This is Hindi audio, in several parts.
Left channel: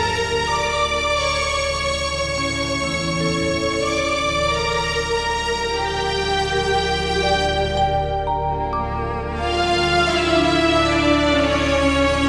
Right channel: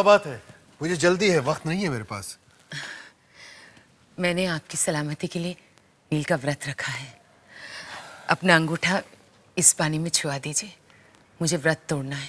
क्या बात है? मुझे जल्दी है, वक्त नहीं है मेरे पास। मैंने आपकी सलामती के लिए दिल का व्रत रखा है। अपना अंगूठा इस पानी में छुआ दीजिए, मुझे व्रत तोड़ना है।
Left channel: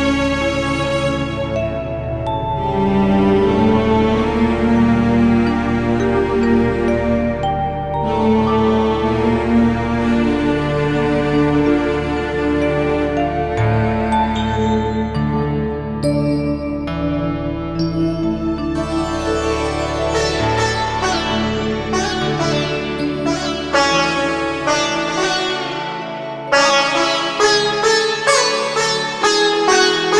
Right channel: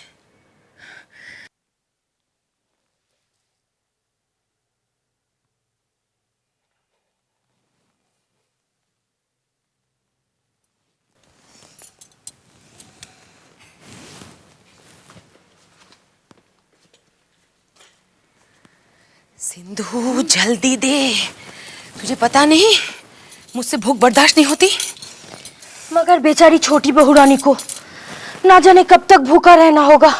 जल्दी दे, मुझे पता नहीं, मुझसे भूख बर्दाश्त नहीं होती। मगर बेचारी छोटी बहू रानी को ना जाने कब तक भूखा रहना होगा।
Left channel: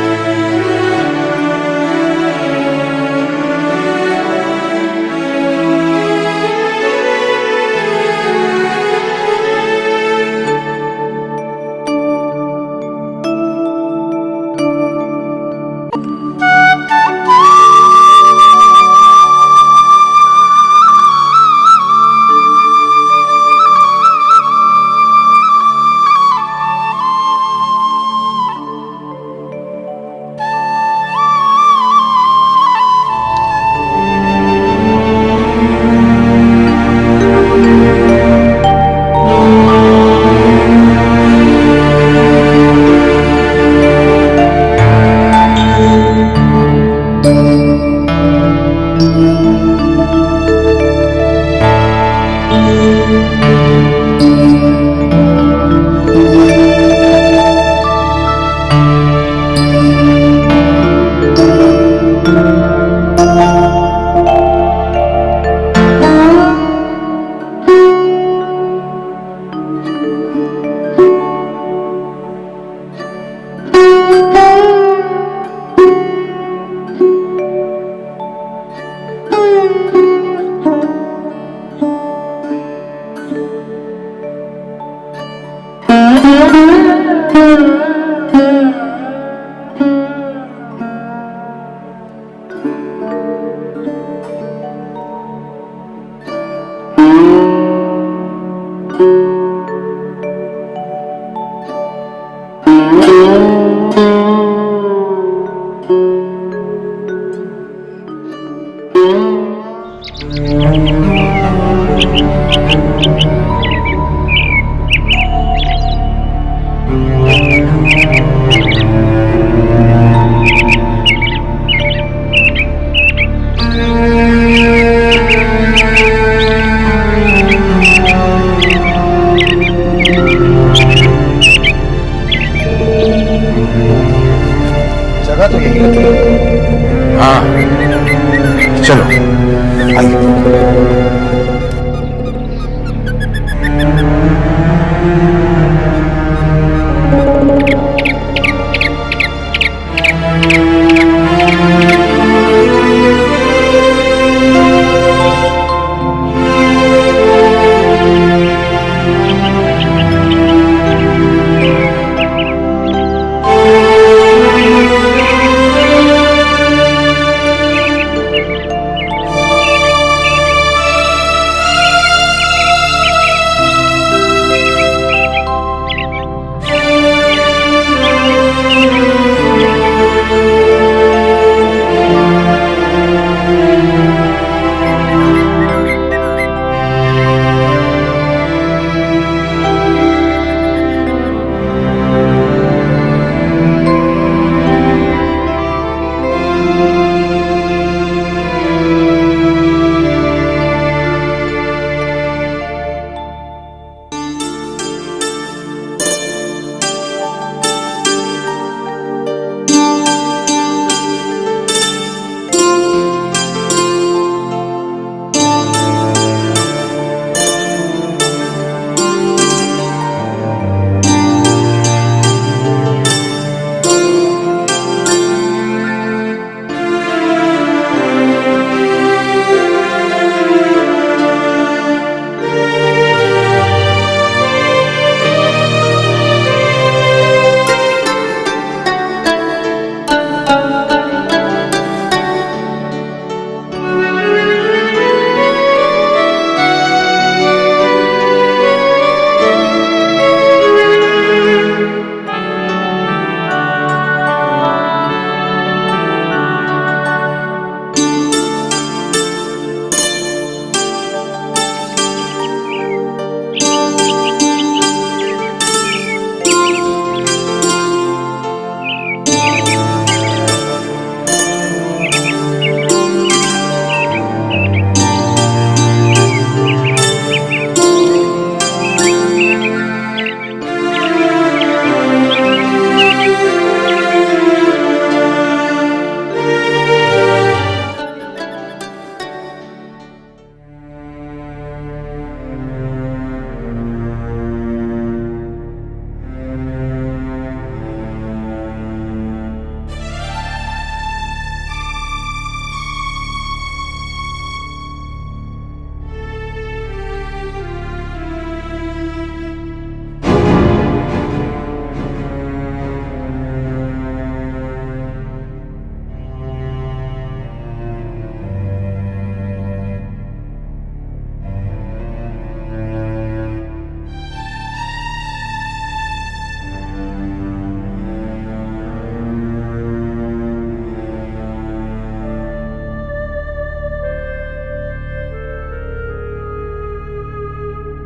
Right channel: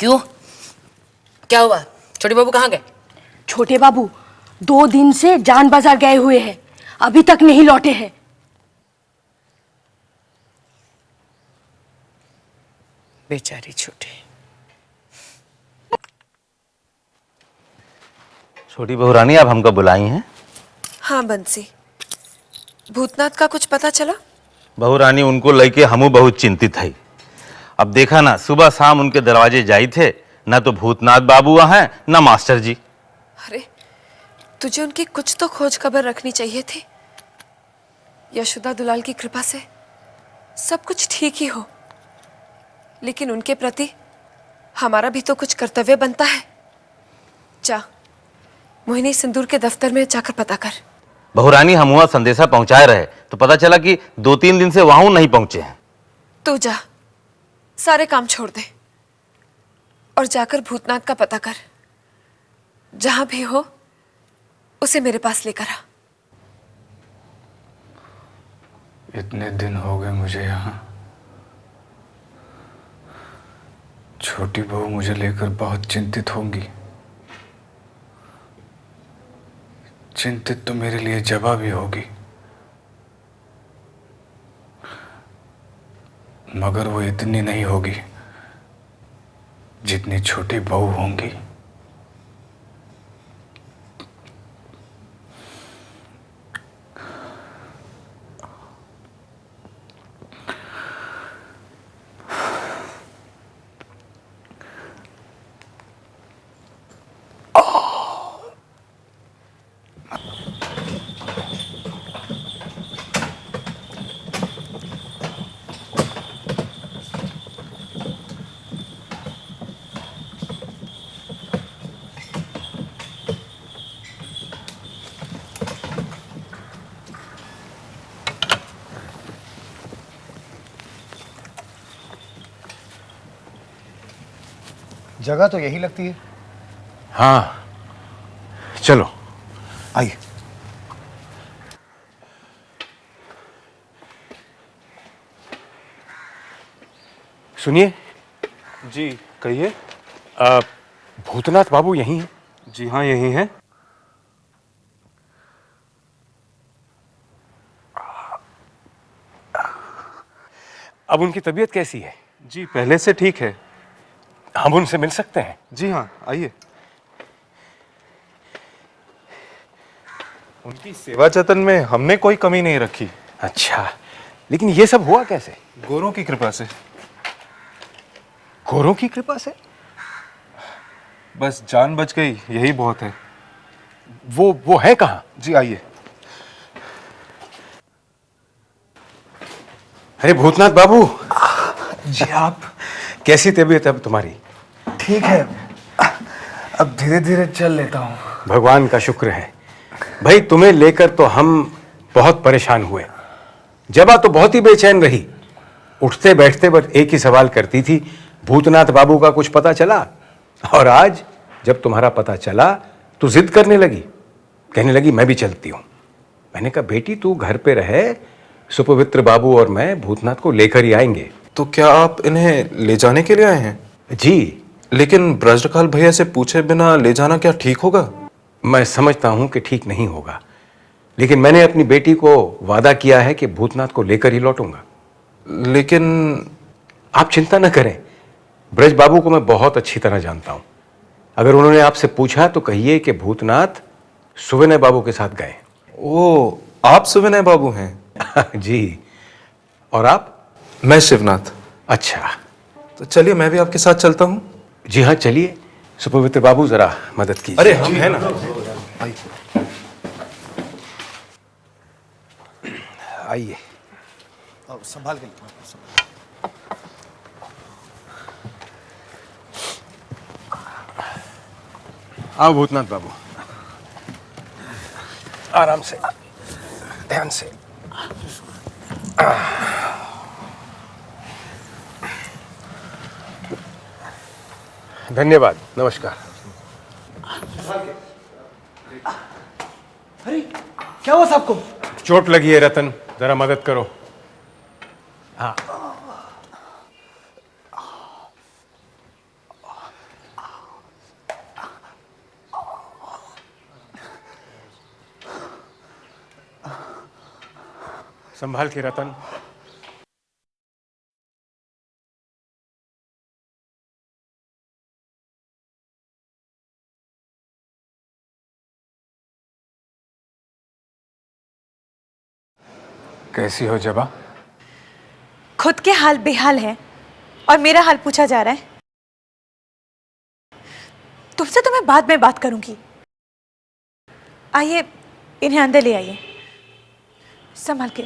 क्यों? क्या हुआ? छोटी बहू कहाँ गए? छोटे बाबू 2 दिन से जान बाजार गए हुए हैं, अभी तक नहीं लौटे हैं। बेचारी छोटी। रानी आप हमको बुलाई हैं? हाँ बंसी, भूतनाथ का कुछ पता चला? बहू रानी उनको लेके हमू बहुत चिंतित है। अब देखा ना, सुबह शाम उनके दरवाजे जाई थे, ना तो भूतनाथ बाबू हैं ना मास्टर जी। तुझे उनकी कुछ तो खोज खबर रखनी चाहिए थी। यशोदा दुलाल की कृपा से सब कुछ ठीक ही हो, लेकिन उनके प्रति हमारा भी तो कुछ कर्तव्य बनता है। जा मोहिनी सिंदूर के दफ्तर में जाकर पता कर। बहू रानी हम वहाँ संदेशा पहुँचाए रहे, पता चला कि 2-3 दिन से वहाँ नहीं पहुँचे। तुम जा, सारे काम छोड़ दे और जाकर भूतनाथ का पता कर। जहाँ भी हो उसे मेरे पास लेकर आ। इतने दिन हो गए मुझे यहाँ। छोटी बहू मुझे लेकर बहुत चिंतित होगी। चिंतित तो मेरे लिए जवाब भी होगी। वो इतनी नहीं होगी जितनी छोटी बहू होंगी। जगह तो यही लगती है। हाँ चलो आइए। सुनिए, अब उनकी तबीयत कैसी है? पहले से ठीक है, अब उनसे मिल सकता हूं। सेवा जतन में हमने कोई कमी नहीं रखी। अच्छा, लेकिन ये सब हुआ कैसे? गुरु की कृपा से। गुरु? बस जान बच गई, यही बहुत है। वो है कहाँ? अरे भूतनाथ बाबू, कैसी तबीयत अब तुम्हारी? ठीक है, अब धीरे धीरे चल लेता हूँ। भगवान का शुक्र है। भाई तुम्हें लेकर तो हम बहुत परेशान हुए। जबा तो बहुत ही बेचैन रही, उठते बैठते बस एक ही सवाल करती थी, भूतनाथ बाबू का कुछ पता चला? और आज जब तुम्हारा पता चला तो जिद करने लगी, कहने लगी मैं भी चलती हूँ। मैंने कहा बेटी तू घर पे रहे, सुपवित्र बाबू और मैं भूतनाथ को लेकर ही आएंगे। तो क्या आप इन्हें ले जाने के लिए आए हैं? जी, लेकिन ब्रजपाल भैया से पूछे बिना ले जाना क्या ठीक होगा? मैं समझता हूँ कि ठीक नहीं होगा, लेकिन मैंने अपनी बेटी को वादा किया है कि भूतनाथ को लेकर ही लौटूंगा। लेकिन आप चिंता न करें, ब्रज बाबू को मैं बहुत अच्छी तरह जानता हूँ। अगर उन्होंने आपसे पूछा तो कहिए कि भूतनाथ सुविनय बाबू के साथ गए। वो आप सुविनय बाबू हैं? जी, और आप? मैं शिवनाथ। अच्छा, तो चलिए मैं भी आपके साथ चलता हूँ। जी हाँ चलिए, सुपवित्र बाबू जरा मदद कीजिए। अरे हम हैं ना। आओ भूतनाथ, आराम से, ध्यान से। धन्यवाद, नमस्कार। अरे क्या हुआ सबको? चोट लगी है रतन, जरा मदद करो। हाँ संभाल के रतन। कैसी हो जबा? खुद के हाल बेहाल है और मेरा हाल पूछा जा रहा है। तुमसे तो मैं बाद में बात करूंगी। आइए इन्हें अंदर ले आइए, संभाल के।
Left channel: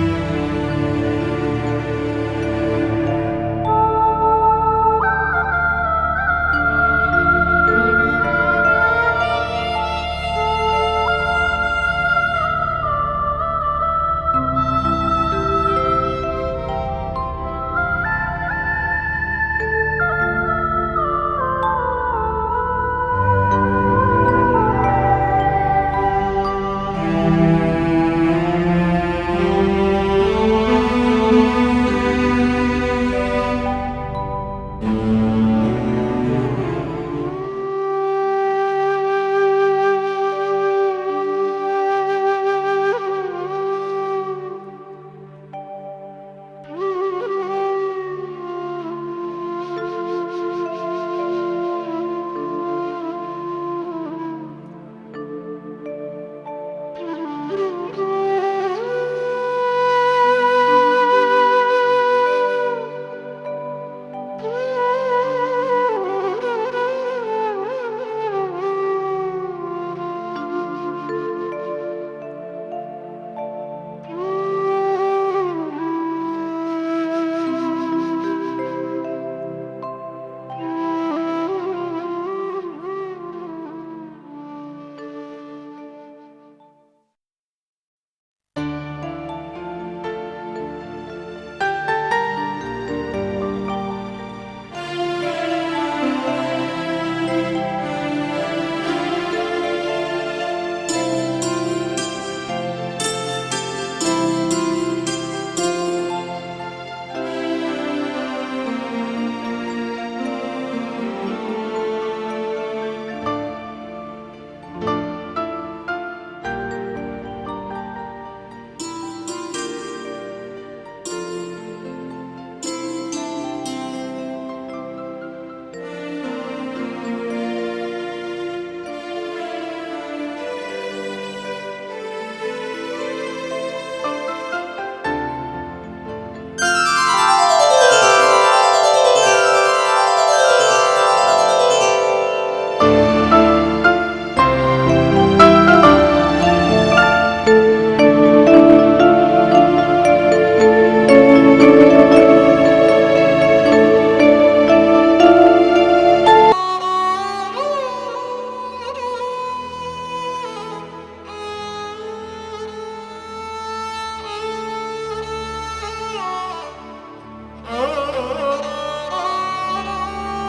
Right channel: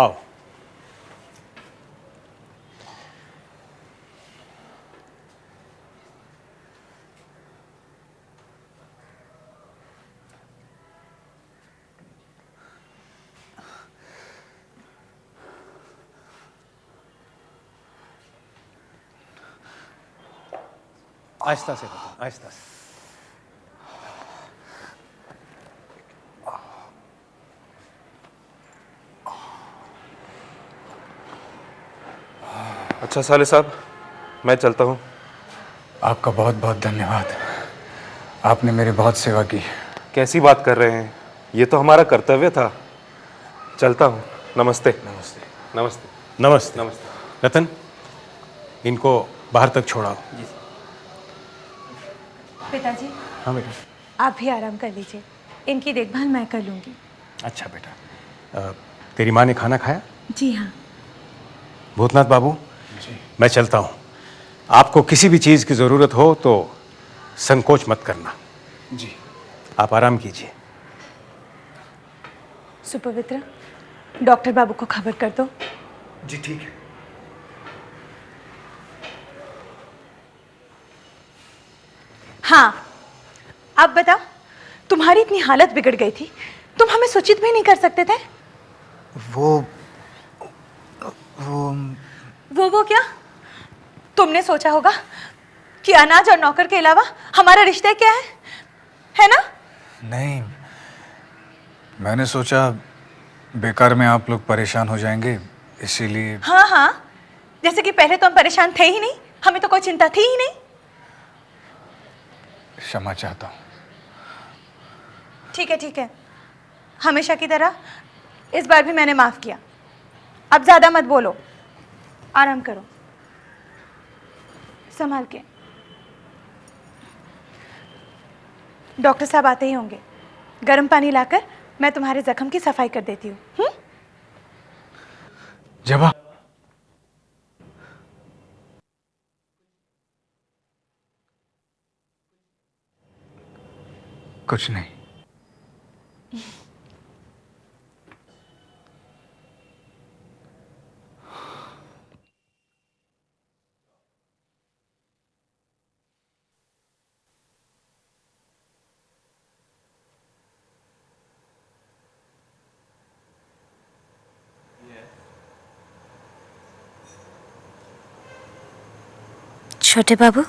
आओ। आहिस्ता से, आहिस्ता से। अच्छा साले साहब, मैं चलता हूँ। आपका बहुत बहुत धन्यवाद। आपने मेरी बहुत सेवा की। कैसी बात कर रहे हैं, ये तो हमारा कर्तव्य था। चलता हूँ। नमस्ते। नमस्ते नमस्ते नमस्ते नमस्ते। रतन, इनको बाहर तक छोड़ाओ। पिताजी, हाँ बेटा। आप भी आराम कर लीजिए, इनकी देखभाल मैं कर लूंगी। अच्छा बेटा। तेरी माँ ने खाना खाया? जी हाँ। भूतनाथ बाबू, मैं चलता हूँ। आपको किसी भी चीज की जरूरत हो तो संकोच मत करना। जी, आप आराम कीजिए। सुपवित्र, डॉक्टर बाबू को खबर कर दो। जी ठीक है। हाँ, अब बताओ, तुम्हारी इतनी हालत बिगड़ गई थी, तुम हमें सूचित भी नहीं कर सकते थे? वो क्या? तुमने सोचा होगा कि अनाज और नौकर के अलावा हमारा रिश्ता क्या है ना? नहीं, मैंने सोचा बेकार में आप लोग परेशान हो जाएंगे, इसीलिए। हाँ हाँ, जैसे कि पहले तो हम परेशान थे ही नहीं, हमें तो कोई चिंता थी ही नहीं। क्षमा चाहता हूँ। ठीक है, हमेशा की तरह इस बार भी मैंने माफ किया। अब ज्यादा मत बोलो, आराम करो, संभाल के। डॉक्टर साहब आते ही होंगे। गर्म पानी लाकर मैं तुम्हारे जख्म की सफाई कर देती हूँ। जबा, कुछ नहीं। छोटे बाबू,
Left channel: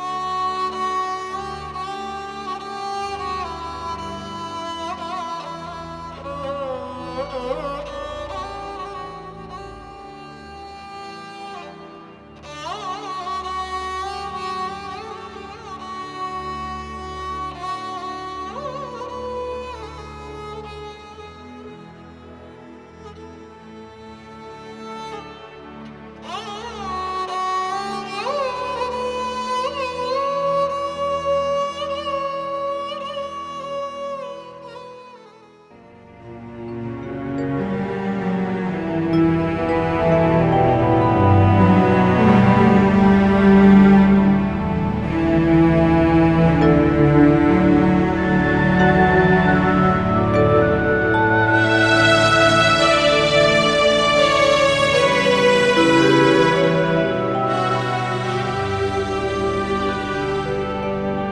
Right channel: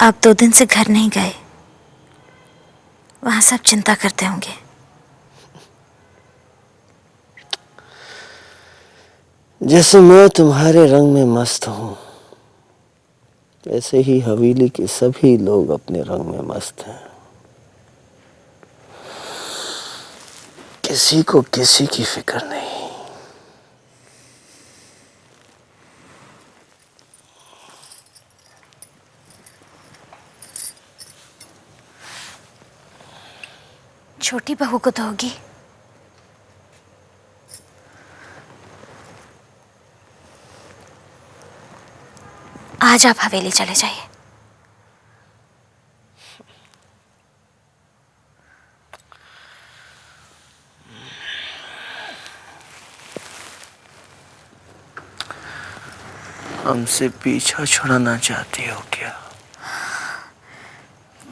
आप 2 दिन से घर नहीं गए, वहां सब चिंता करते होंगे। जैसे मैं तुम्हारे रंग में मस्त हूँ, ऐसे ही हवेली के सभी लोग अपने रंग में मस्त हैं। किसी को किसी की फिक्र नहीं। छोटी बहू को दोगी? आज आप हवेली चले जाइए। हमसे पीछा छुड़ाना चाहती हो क्या?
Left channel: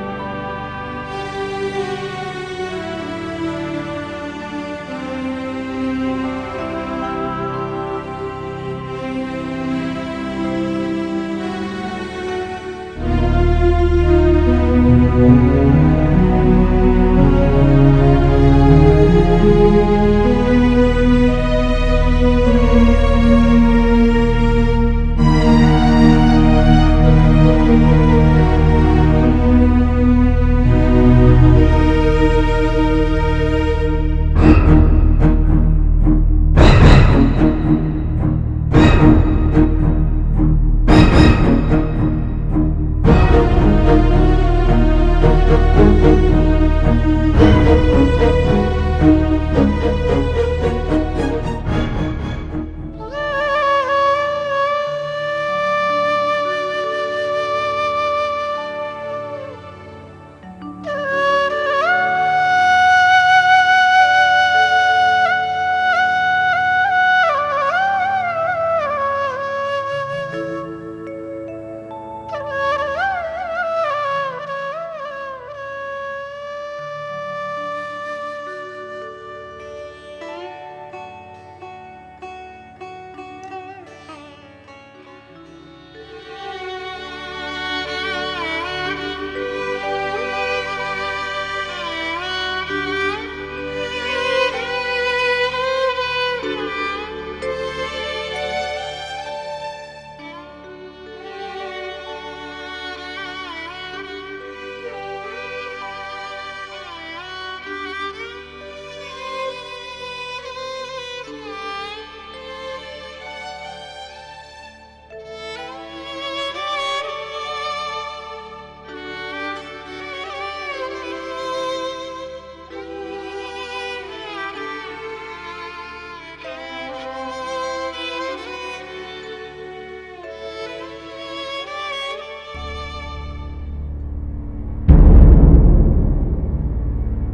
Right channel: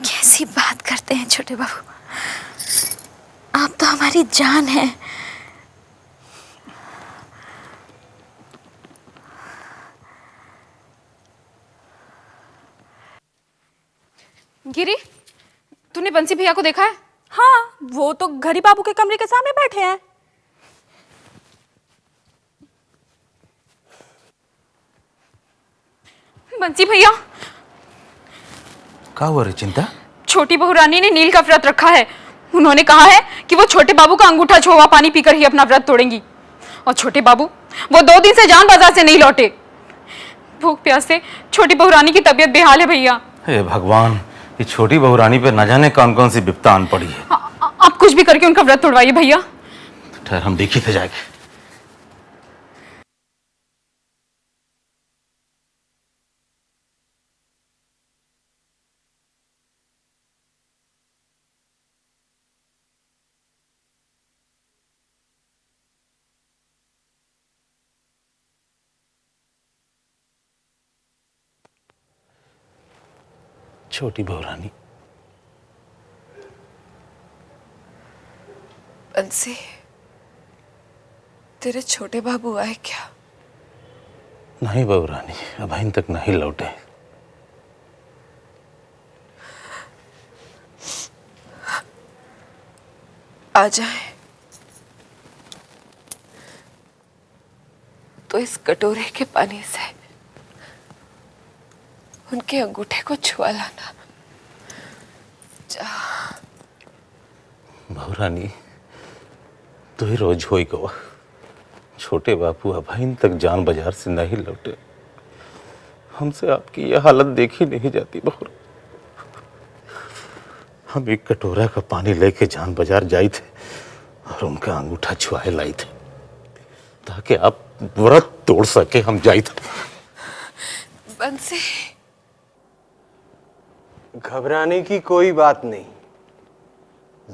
कैसी बात करते हैं छोटे बाबू, आप तो हमारी जान है। गिरी, तूने बंसी भैया को देखा है? हाँ, वो तो घड़ी बाबू के कमरे के सामने बैठे हैं। बंसी भैया, क्या हुआ रचिता? छोटी बहू रानी ने नील का व्रत रखा है। उन्होंने कहा है कि वो छोटे बाबू का अंगूठा छुआ पानी पीकर ही अपना व्रत तोड़ेंगी। और छोटे बाबू वो 2 दिन से जान बाजार से नहीं लौटे। भूख प्यास से छोटी बहू रानी की तबीयत बेहाल है भैया। हे भगवान, ये छोटी बहू रानी पे न जाने कौन कौन सी विपदा आन पड़ी है। आप कुछ भी करके उनका व्रत तोड़वाइए भैया। ठहर, हम देखी थे जाके। छोटी बहू रानी, बंसी, तेरे छोटे बाबू आए क्या? नहीं बहू रानी, अभी तक नहीं लौटे। आ जाए तो इस कटोरे के पानी से उनके अंगूठे को छुआ लाना। बहू रानी, तो ही रोज होई गवा। छोटे बापू अभी तक जान बाजार से नहीं लौटे। हमसे आपकी यह हालत देखी नहीं जाती बहू। हम एक कटोरा का पानी लेके जान बाजार जाई थे और उनका अंगूठा छुआए लाई थे ताकि आप व्रत तोड़ सके। हम जाई थे। बंसी, घबराने की कोई बात नहीं।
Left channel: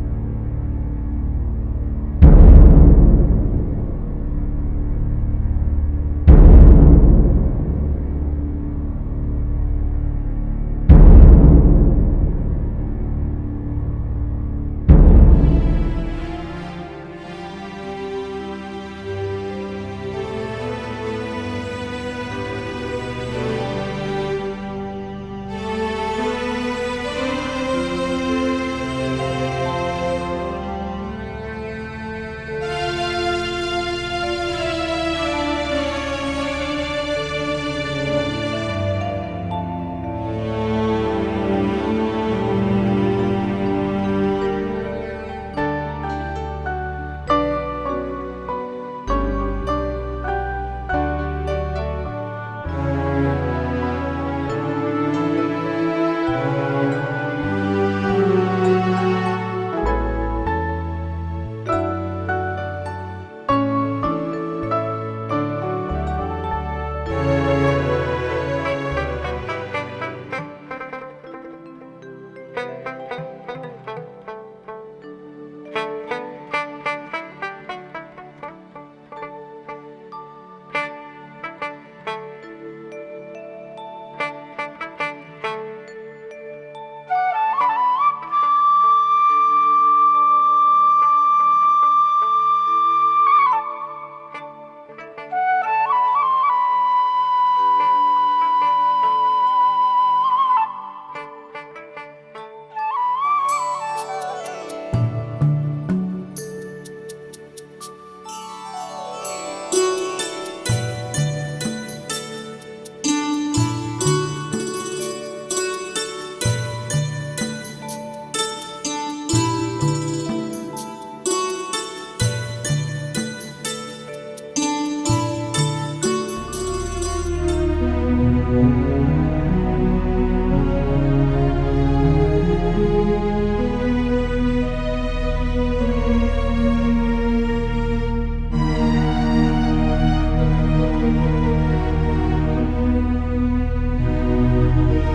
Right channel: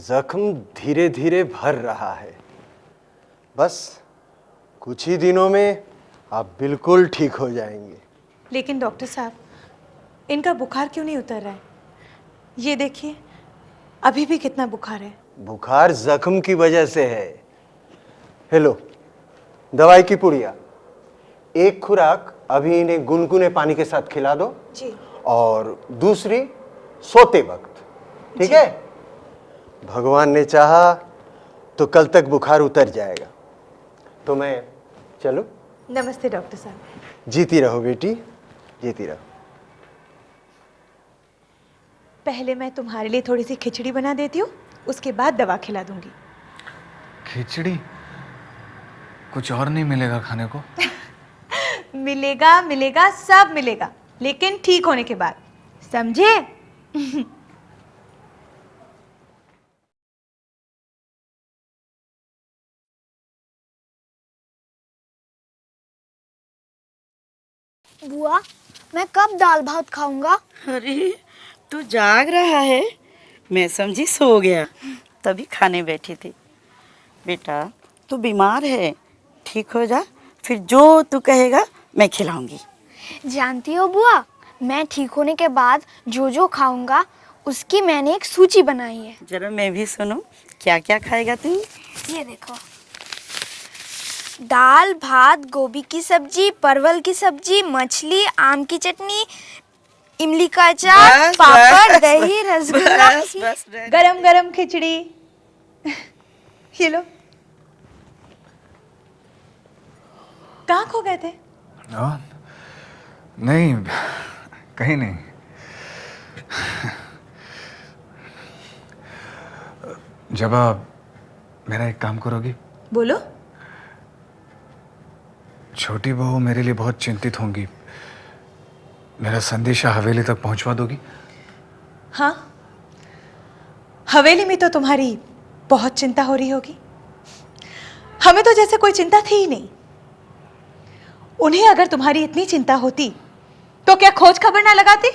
जख्म धीरे धीरे भर रहा है। बस कुछ ही दिनों में आप बिल्कुल ठीक हो जाएंगे। लेकिन डॉक्टर साहब, इनका बुखार क्यों नहीं उतर रहा है? ये देखिए, अभी भी कितना बुखार है। बुखार जख्म की वजह से है। हेलो, दवाई की पुड़िया, एक खुराक अभी इन्हें गुनगुने पानी के साथ खिला दो जी। और दूसरी सोते का, ठीक है? भगवान ने चाहा तो कल तक बुखार उतर जाएगा। तो मैं चलो। नमस्ते डॉक्टर साहब। जीती रहो बेटी, जीती रहो। पहले मैं तुम्हारे लिए थोड़ी सी खिचड़ी बना देती हूँ, उसके बाद दवा खिला दूंगी। खिचड़ी? कुछ और नहीं मिलेगा खाने को? मिलेगा, मिलेगा, सब मिलेगा, लेकिन ठीक होने के बाद, समझे? मैं कब दाल भात खाऊंगा? अरे तू जाग रहा है? मैं समझी सो गया, तभी खाने बैठी थी। बेटा तू बीमार है, ठीक हो जा, फिर जो तू कहेगा मैं खिलाऊंगी। जानती हो बुआ, मैं ठीक होने के बाद जो जो खाऊंगा उसकी मैंने एक सूची बनाई है। जरा मैं भी सुनूं, क्या क्या खाएगा तू? ये देखो, दाल भात, गोभी की सब्जी, परवल की सब्जी, मछली, आम की चटनी, इमली का अचार, बस, पापड़, बस, दही, रसगुल्ला। बस। गरम गरम खिचड़ी। ये लो। कहाँ खो गए थे? हाँ? नहीं, कहीं नहीं। जब आप मेरा एक काम करोगी? बोलो। छोटी बहू मेरे लिए बहुत चिंतित होंगी। मेरा संदेशा हवेली तक पहुंचवा दोगी? हाँ, हवेली में तो तुम्हारी बहुत चिंता हो रही होगी। हमें तो जैसे कोई चिंता थी ही नहीं। उन्हें अगर तुम्हारी इतनी चिंता होती तो क्या खोज खबर ना लगाती?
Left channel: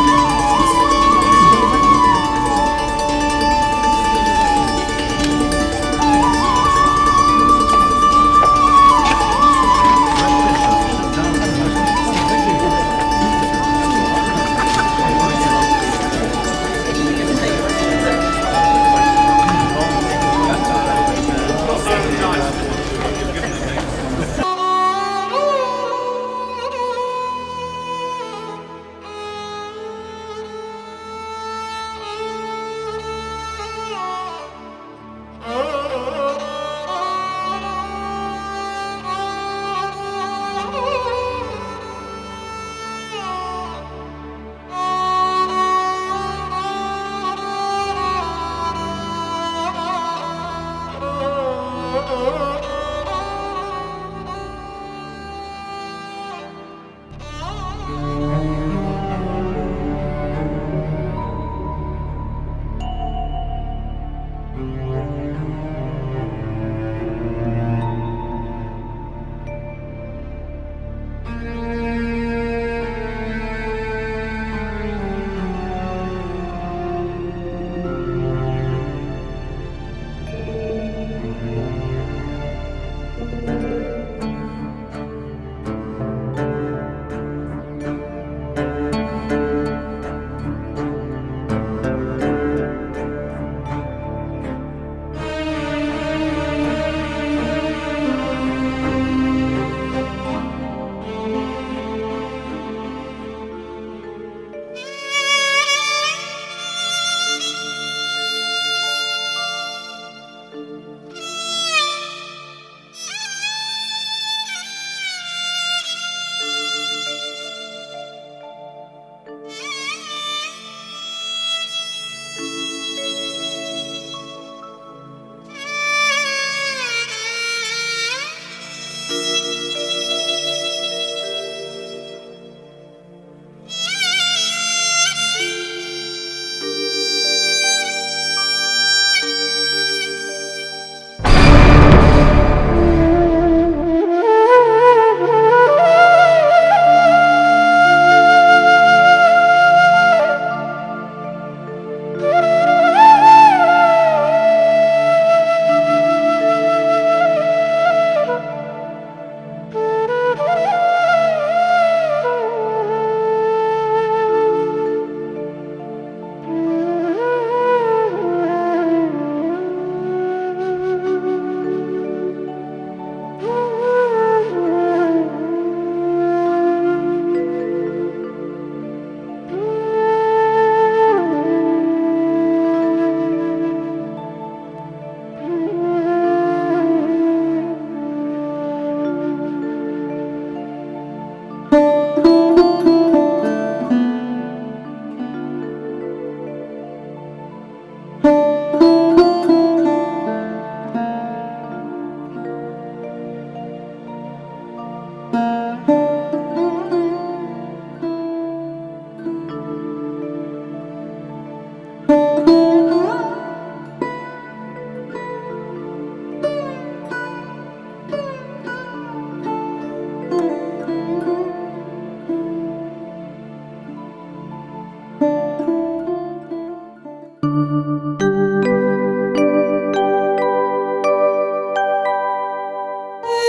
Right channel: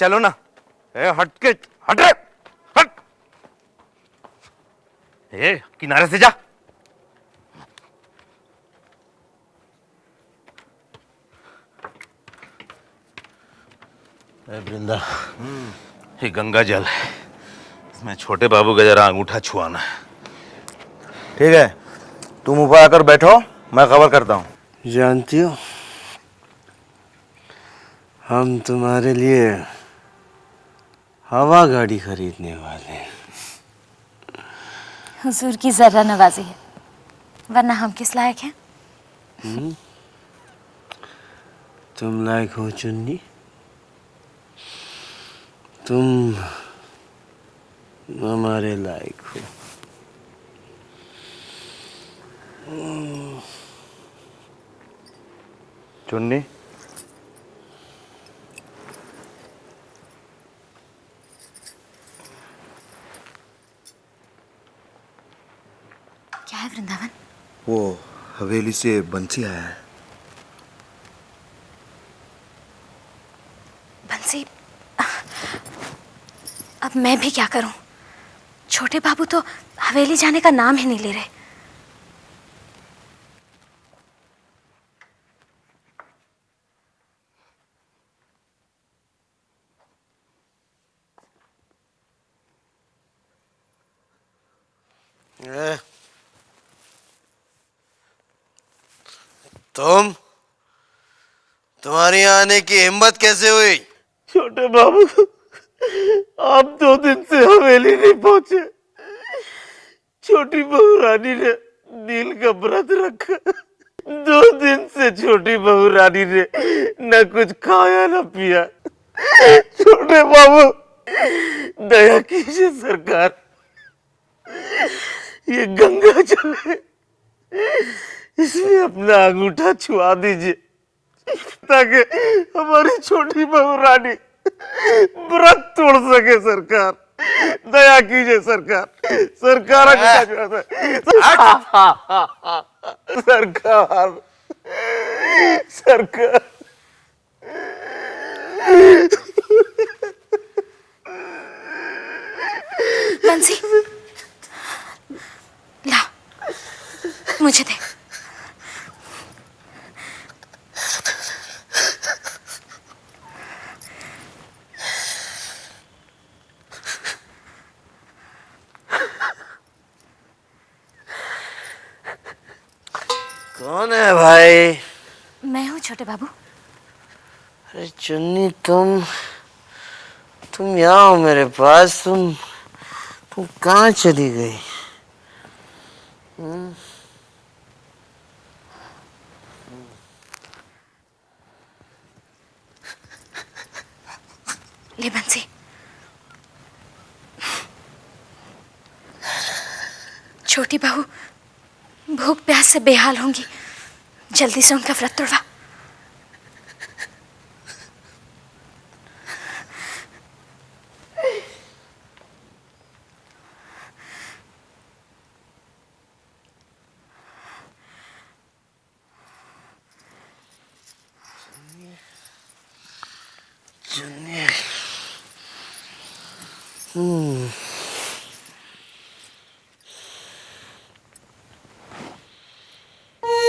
चलो ना, हट के हट रे, हट। ये किनारे से जा। ये गंगा जल है, छोटे बाबू का जरा अंगूठा छुआ। ठीक है, तुम ऊपर आकर बैठो, मैं खबर करता हूँ। जानती हो, हम तुम्हारे लिए हवा गाड़ी खरीदने वाले हैं। हुजूर की जर्रा नवाजी, वरना हम किस लायक हैं? तुम लायक हो चुन्नी, तुम हमारे लायक हो। चुन्नी, क्या है वृंदावन? वो हवेली से बंसी आया है। बंसी, अब मैं भी क्या करूं? छोटे बाबू तो हवेली जाने का नाम ही नहीं ले रहे। तुम्हारी आने की हिम्मत कैसे हुई? छोटे बाबू, आप 2 दिन से हवेली नहीं पहुंचे। छोटी बहू रानी ने नील का व्रत रखा। 2 दिन से छोटी बहू रानी ने न कुछ खाया न पिया। छोटे बाबू, दया कीजिए सरकार, ये गंगा जल है, इसमें अपना अंगूठा छुआ दीजिए ताकि हमारी छोटी बहू रानी व्रत तोड़ सके। सरकार, दया कीजिए सरकार, सरकार सरकार, सरकार। बंसी, लाओ, मुझे दे। कौन है भाई? मैं हूँ छोटे बाबू। अरे चुन्नी, तुम यहाँ हो मेरे पास। तुम कहाँ चली गई? ले बंसी, छोटी बहू भूख प्यास से बेहाल होंगी, जल्दी से उनका व्रत तोड़वा।